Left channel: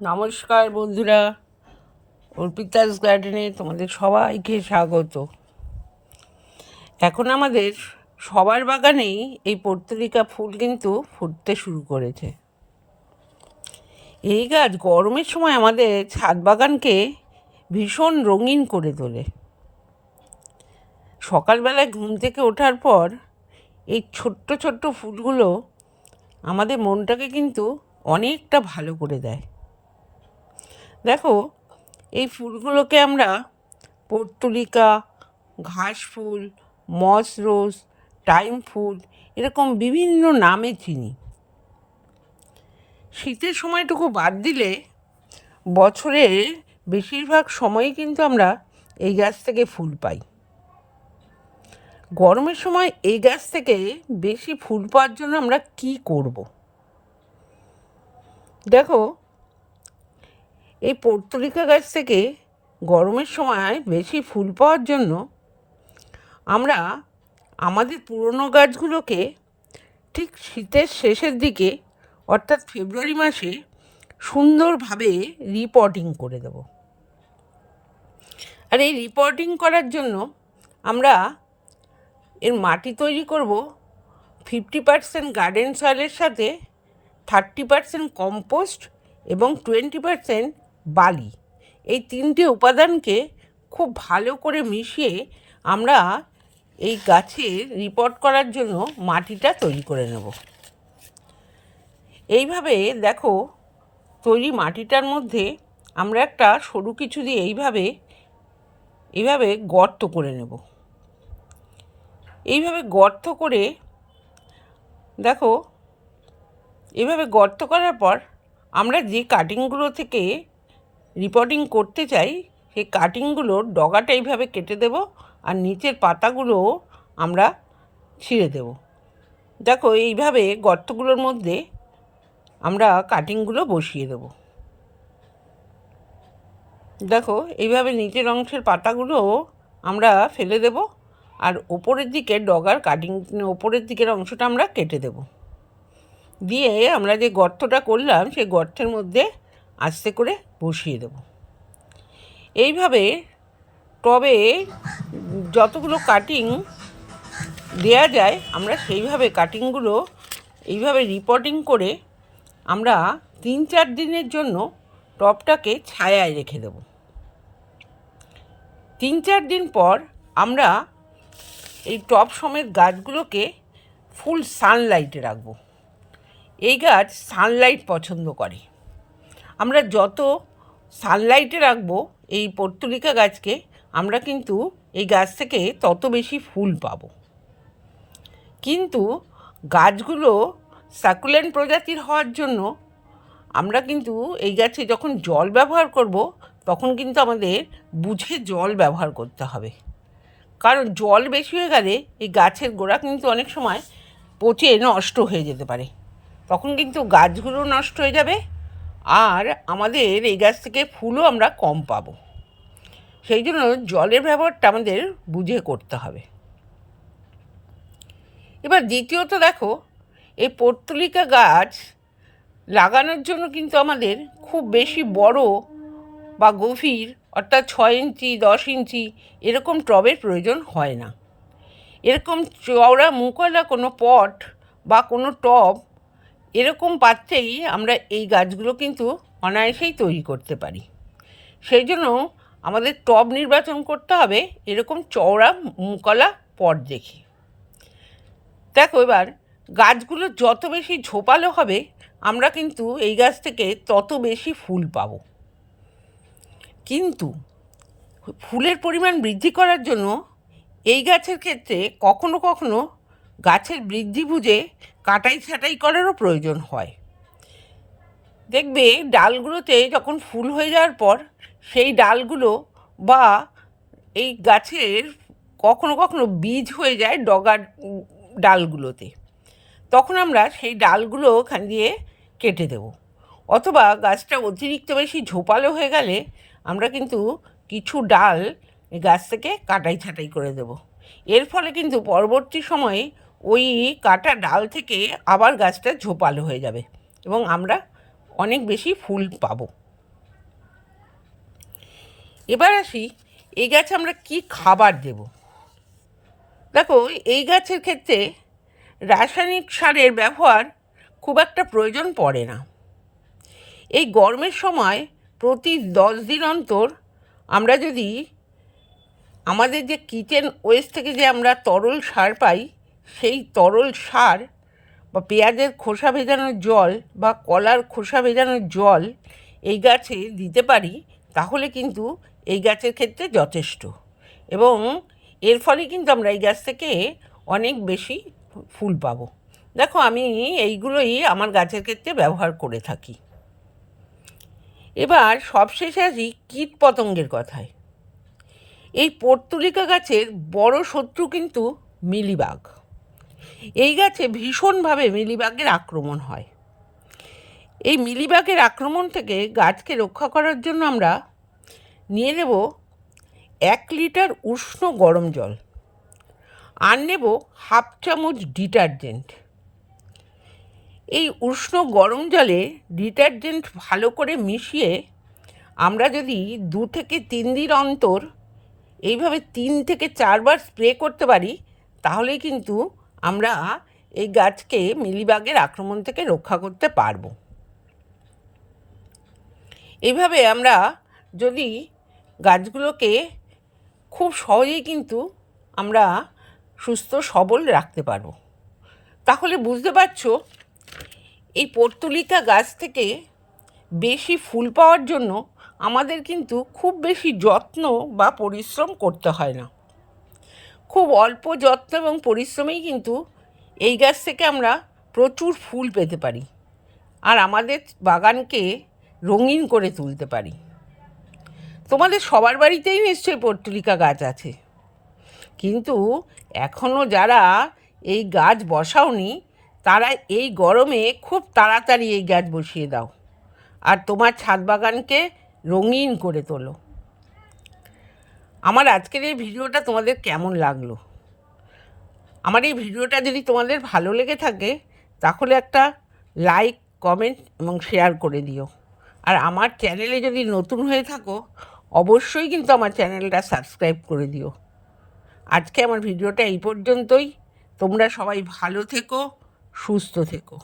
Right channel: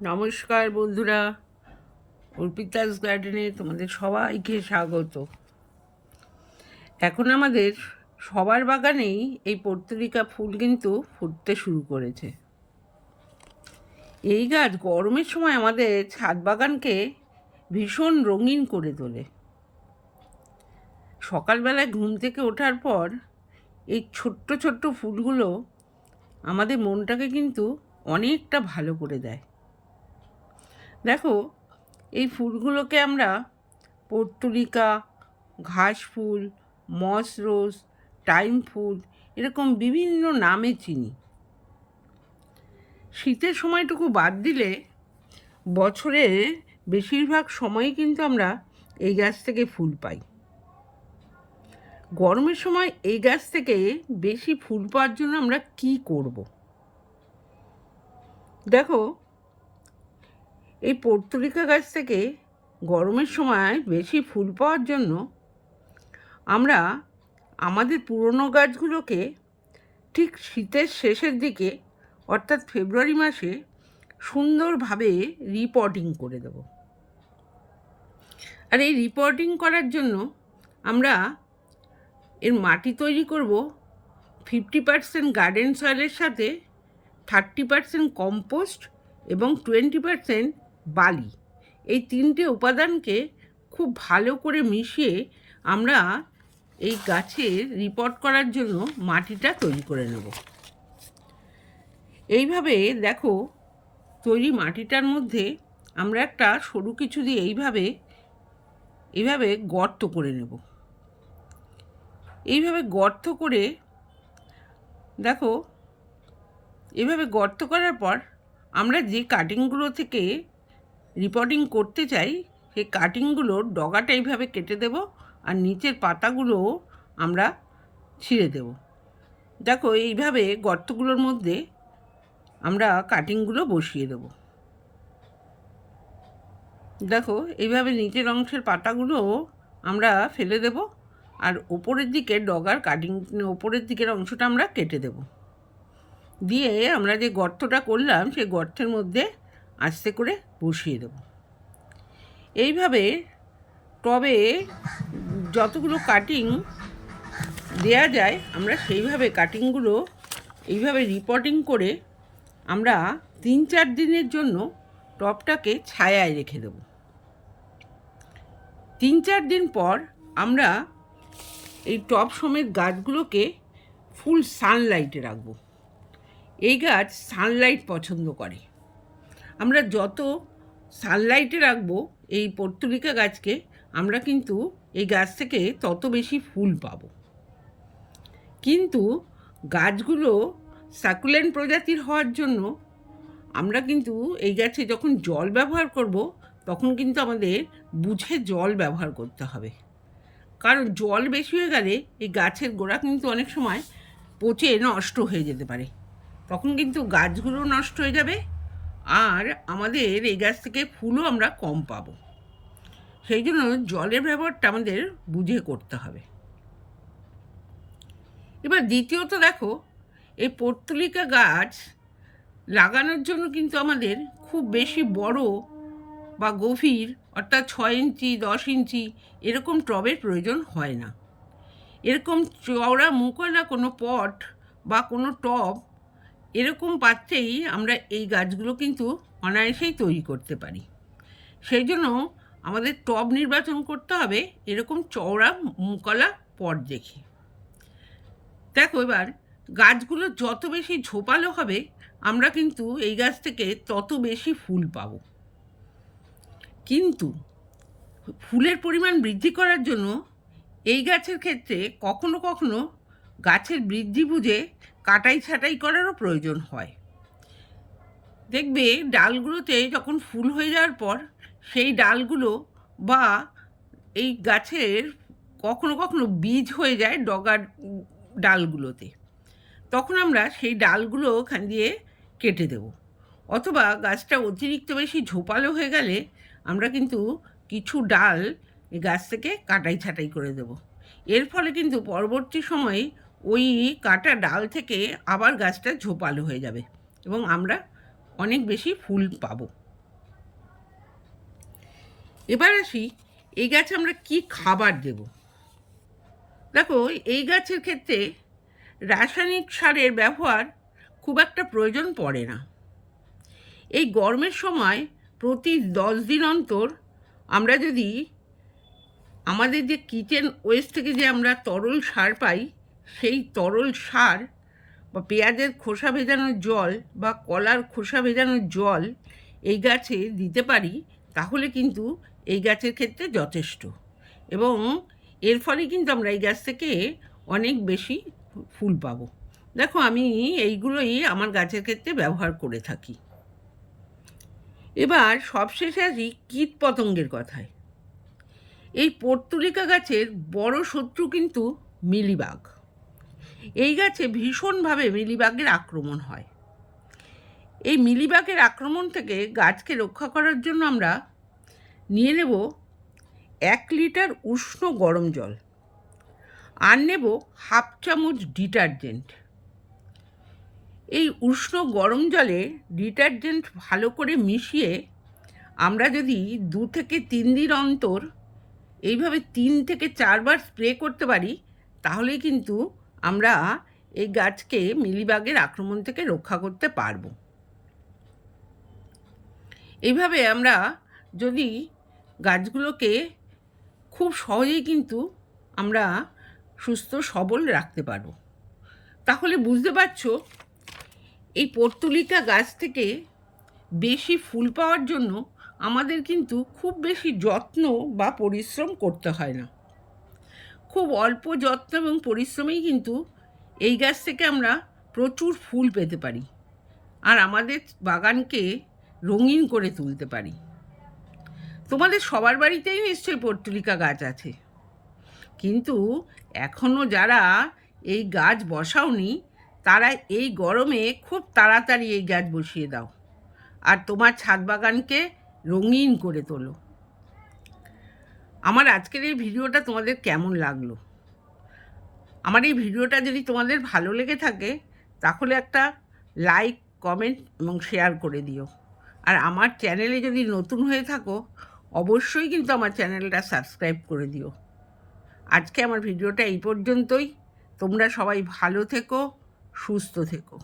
নমস্কার বন্ধুরা, অর্পিতাস গার্ডেনে তোমাদের সবাইকে স্বাগত। এখন আমাদের সবার বাগানেই এই পর্তুলিকা ফুল কিন্তু ফুটতে শুরু করেছে। এই গাছ গরমের সময় আমাদের ছাদ বাগানকে ভীষণ রঙিন করে তোলে। সকালবেলায় ঘুম থেকে ওঠার পর এই ছোট্ট ছোট্ট ফুলগুলো আমাদের মনটাকে কিন্তু অনেকটা ভালো করে দেয়। দেখো, এই ফুলগুলোকে আমরা পর্তুলিকা, ঘাস ফুল, মস রোজ, টাইম ফুল এরকম বিভিন্ন নামে চিনি। শীতের সময়টুকু বাদ দিলে বছরের বেশিরভাগ সময়ই কিন্তু আমরা এই গাছ থেকে ফুল পাই। গরমের সময় এই গাছ থেকে বেশি ফুল পাওয়ার জন্য আমরা কি করব? দেখো, এই পর্তুলিকা গাছ থেকে গরমের সময় বেশি ফুল পাওয়ার জন্য আমরা আমাদের পুরনো গাছগুলোকে ঠিক শীতের শেষের দিকে অর্থাৎ ফেব্রুয়ারি মাসে সুন্দরভাবে রিপটিং করে দেব। আর এই রিপটিং করার জন্য আমরা এর মাটি তৈরি করব 50% গার্ডেন সয়েলের সাথে 30% কম্পোস্ট এবং 20% বালি। এই তিনটে উপাদানকে খুব ভালো করে মিশিয়ে আমরা এই গাছের রিপোর্ট করার জন্য মাটিটা তৈরি করে নেব। এইভাবে দেখো, তৈরি মাটিটার মধ্যে আমরা একটা সরু কিছু দিয়ে এইভাবে গর্ত করে নেব। এইভাবে গর্ত করে দেখো, এইভাবে গর্ত করার পর আমরা যে কাটিংগুলো থেকে রিপোর্টিং করতে চাই সেই কাটিংগুলোর ডগাটা এইভাবে কেটে দেব আর নিচের পাতাগুলো আমরা ছিঁড়ে দেব। দেখো, এইভাবে গর্তগুলোর মধ্যে আমরা কাটিংগুলো বসিয়ে দেব। দেখো, এইভাবে নিচের অংশের পাতাগুলো আমরা ফেলে দেব আর ওপরের দিকে ডগার ওপরের দিকের অংশটা আমরা কেটে দেব। দিয়ে আমরা যে গর্তটা করলাম সেই গর্তের মধ্যে আস্তে করে বসিয়ে দেব। এইভাবে টবে যতগুলো কাটিং দেয়া যায় আমরা সেইভাবে কাটিংগুলো এইভাবে রিপোর্টিং করে আমরা 3-4 দিনের জন্য টবটাকে ছায়ায় রেখে দেব। 3-4 দিন পর আমরা এই টব সমেত গাছগুলোকে ফুল সানলাইটে রাখবো। এই গাছ সানলাইট পছন্দ করে। আমরা যত সানলাইটে রাখবো এই পর্তুলিকা গাছকে, আমরা কিন্তু এই গাছ থেকে তত বেশি ফুল পাব। কিন্তু গাছগুলো সাকুলেন্ট প্রজাতির হওয়ার জন্য আমরা কিন্তু এই গাছে যখন জল ব্যবহার করব তখন কিন্তু আমাদের বুঝে জল ব্যবহার করতে হবে। কারণ জল বেশি হয়ে গেলে এই গাছের গোড়া কিন্তু অনেক সময় পচে নষ্ট হয়ে যেতে পারে। তখন কিন্তু গাছগুলো নষ্ট হয়ে যাবে আর আমাদের এই গাছ থেকে ফুলও আমরা কম পাবো। সেই জন্য জলের ব্যবহারটা আমাদের বুঝে করতে হবে। এবার দ্বিতীয়ত দেখো, এই পর্তুলিকা গাছ লাগানোর জন্য কিন্তু আমাদের খুব বেশি বড় বা গভীর অর্থাৎ 6 ইঞ্চি 10 ইঞ্চি এরকম টবের প্রয়োজন হয় না। এরকম চওড়া মুখওয়ালা কোনো পট বা কোনো টব এরকম পাত্রেই আমরা এই গাছগুলো কিন্তু অনায়াসেই তৈরি করতে পারি। সেই জন্য আমাদের টব নির্বাচন করতে হবে এরকম চওড়া মুখওয়ালা পট দেখে। দেখো, এবার গাছগুলো যত বেশি ঝোপালো হবে আমরা কিন্তু এই গাছ থেকে তত বেশি ফুল পাব। কিন্তু ফুলের পরিমাণ বৃদ্ধি করার জন্য এই গাছের ক্ষেত্রে কখনো কখনো গাছের বৃদ্ধি বুঝে কাটাই ছাঁটাই করারও প্রয়োজন হয়। দেখবে ডালগুলোতে যখন ফুল হয়ে যাওয়ার পর সেই ডালগুলো বা এই গাছের কখনো কখনো বীজ হয়ে যায় ডগার ডালগুলোতে, তখন আমরা সেই ডালগুলো ওখান দিয়ে কেটে দেব। অথবা গাছটা অতিরিক্ত বেশি ঝোপালো হয়ে গেলে আমরা কিন্তু কিছু ডাল এই গাছ থেকে কাটাই ছাঁটাই করে দেব। এর ফলে কিন্তু পরবর্তী সময়ে ওই কাটা ডাল থেকে আবার গাছটা ঝোপালো হয়ে যাবে এবং আমরা অনেক বেশি ফুল পাবো। এবার আসি এই গাছে আমরা কি খাবার দেব। দেখো, এই গাছের ক্ষেত্রে রাসায়নিক সারের ব্যবহার খুব একটা প্রয়োজন পড়ে না। এই গরমের সময় প্রতি 10 দিন অন্তর আমরা যদি আমাদের যে কিচেন ওয়েস্ট থেকে যে আমরা তরল সার পাই, সেই তরল সার বা পেঁয়াজের খোসা ভেজানোর জল বা কলার খোসা ভেজানোর জল এই গাছে দিতে পারি, তাহলে কিন্তু এই গাছের ক্ষেত্রে যথেষ্ট। এবং এর ফলে কিন্তু আমরা এই গাছ থেকে অনেক বেশি ফুল পাবো। দেখো, আমি এইগুলোই আমার গাছের ক্ষেত্রে ব্যবহার করে থাকি। এবার সবশেষে আসি কীট পতঙ্গের কথায়। এই পর্তুলিকা গাছের বড় শত্রু কিন্তু মিলিবাগ। এই গাছে ভীষণভাবে মিলিবাগের আক্রমণ হয়। এই মিলিবাগের আক্রমণ থেকে গাছকে রক্ষা করার জন্য আমরা নিয়ে নেব 1 লিটার উষ্ণ গরম জল, আর নেব 1/2 চামচ ডিটারজেন্ট। এই উষ্ণ গরম জলে ডিটারজেন্ট ভালো করে মিশিয়ে আমরা যদি 2 থেকে 3 দিন অন্তর এইভাবে 3 থেকে 4 বার স্প্রে করতে পারি, তাহলে কিন্তু আমরা এই গাছকে মিলিবাগের আক্রমণ থেকে রক্ষা করতে পারবো। এইভাবে আমরা যদি গাছগুলোকে খুব সহজেই কিন্তু আমরা সুস্থ সবল রাখতে পারবো। তাহলে বুঝতে পারছো, এই পর্তুলিকা গাছ থেকে বেশি ফুল পাওয়ার জন্য আমাদের কিন্তু খুব বেশি যত্ন বা পরিশ্রম করতে হয় না। খুব অল্প যত্ন এবং পরিশ্রমেই কিন্তু এই গাছ থেকে আমরা প্রচুর ফুল পেতে পারি আর আমাদের বাগানকে রঙিন করে তুলতে পারি। তোমাদের সবার বাড়িতেই নিশ্চয়ই পর্তুলিকা গাছ আছে, কিন্তু এখনও যারা এই গাছ বসাওনি তারা এই গরমে খুব তাড়াতাড়ি এই গাছ বসিয়ে দাও আর তোমার ছাদ বাগানকে রঙিন করে তোলো। আমার আজকের এই ভিডিওটা তোমাদের কেমন লাগলো? আমার এই ভিডিওটা যদি তোমাদের ভালো লেগে থাকে তাহলে একটা লাইক, কমেন্ট এবং শেয়ার করে দিও। আর আমার চ্যানেলে যদি নতুন হয়ে থাকো অবশ্যই কিন্তু আমার চ্যানেলটা সাবস্ক্রাইব করে দিও। আজকে আমার ভিডিওটা এই পর্যন্তই। তোমরা সবাই ভালো থেকো, সুস্থ থেকো।